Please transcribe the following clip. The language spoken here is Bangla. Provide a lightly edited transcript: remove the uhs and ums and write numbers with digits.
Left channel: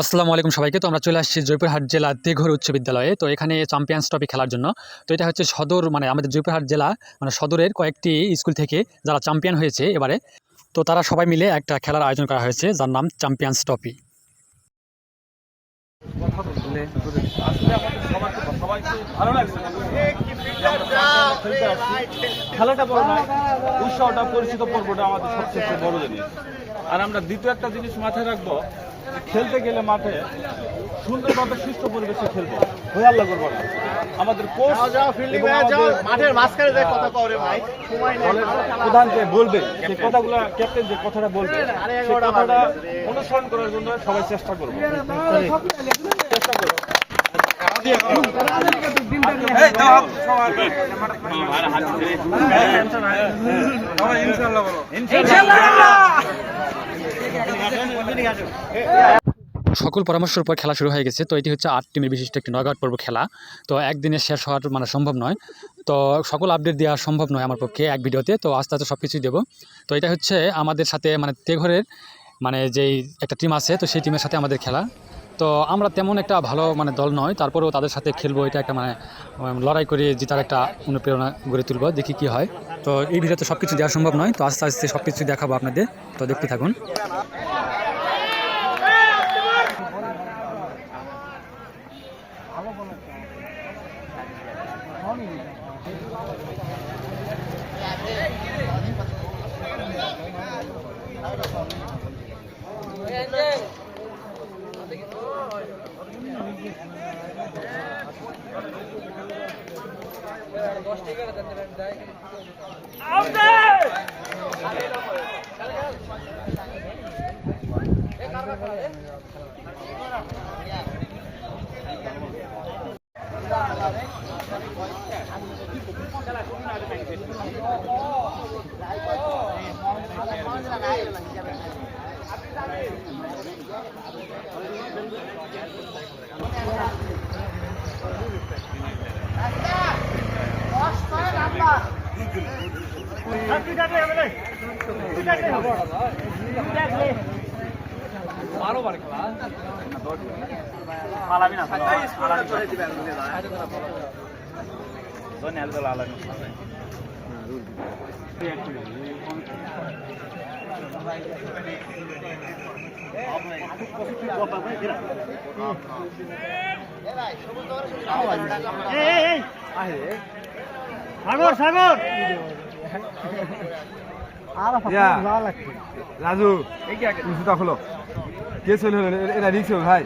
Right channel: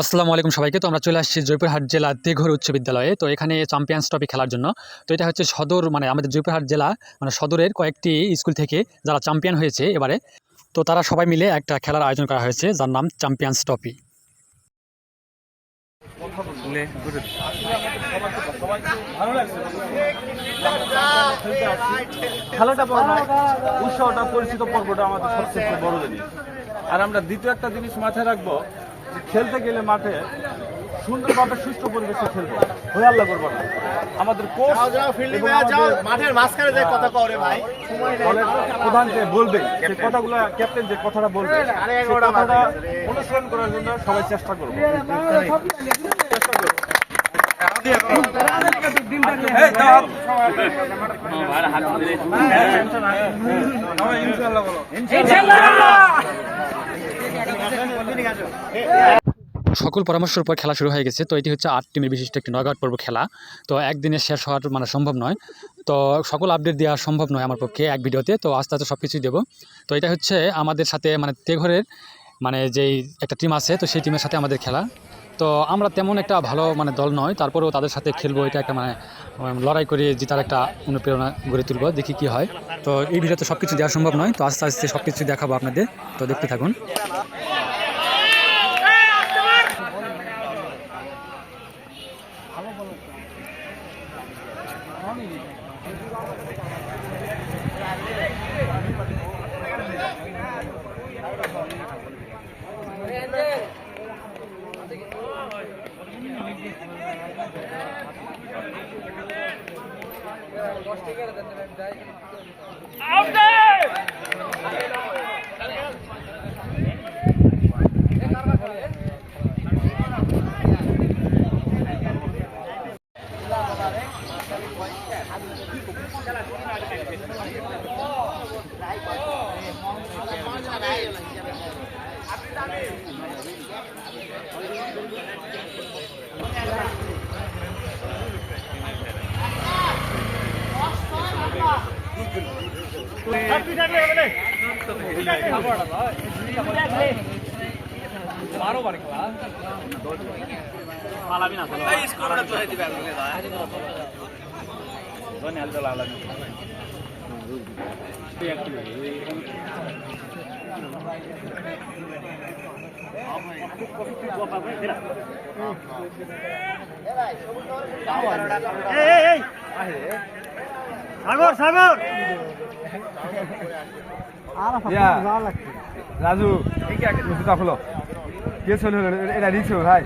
আসসালামু আলাইকুম সবাইকে। তো আমরা চলে আসছি জয়পুরহাট জেলা তেঘর উচ্চ বিদ্যালয়ে। তো এখানে চ্যাম্পিয়ন্স ট্রফি খেলার জন্য। তো এটা হচ্ছে সদর আমাদের জয়পুরহাট জেলা সদরের কয়েকটি স্কুল থেকে যারা চ্যাম্পিয়ন হয়েছে এবারে। তো তারা সবাই মিলে একটা খেলার আয়োজন করা হয়েছে যার নাম চ্যাম্পিয়ন্স ট্রফি। ভালো লাগছে, খেলাটা বড় নয়, উৎসাহটা পরিচিত পর্বটা আমাদের সবচেয়ে বড় জিনিস। আর আমরা দ্বিতীয় একটা জিনিস মাথায় রাখবো, খেলতে গেলে মাঠে সুন্দরভাবে সুস্থ পরিবেশে খেলবো, হয়ে আল্লাহ করবো না। আমাদের কোচ এবং আমাদের মাঠের মাঝখানে যে কথা কয় রে ভাই, দলের প্রধান যে বলবে সেই কথাগুলো, ক্যাপ্টেন যে কথাটা বলবে সেই কথাটা অনুসরণ করার জন্য সবাই চেষ্টা করবো। সকল পরামর্শের উপর খেলা শুরু হয়ে গেছে। তো এটি হচ্ছে 8 টিমের বিশিষ্ট একটি নকআউট পর্ব খেলা। তো একদিনে শেষ হওয়ার সম্ভব নয়। তো সকল আপডেট দেওয়া সম্ভব নয় আমার পক্ষে এক ভিডিওতে। তো আস্তে আস্তে সব কিছুই দেবো। তো এটা হচ্ছে আমাদের সাথে তেঘরের যেই একটা টিম আছে, তো সেই টিমের সাথে আমাদের খেলা। তো আমরা তেমন একটা ভালো দল নয়, তারপরেও তাদের সাথে খেলবো। এটা একটা লড়াই করে জেতার একটা অনুপ্রেরণা গড়ে তুলবো, দেখি কি হয়। তো এই ভিডিওতে সব কিছু দেওয়া সম্ভব নয়, তো আস্তে আস্তে সব কিছু দেখাবো আপনাদের। তো দেখতে থাকুন। রাজু, জুতা খোলো। কে চলে এটা রিক্স ভাই।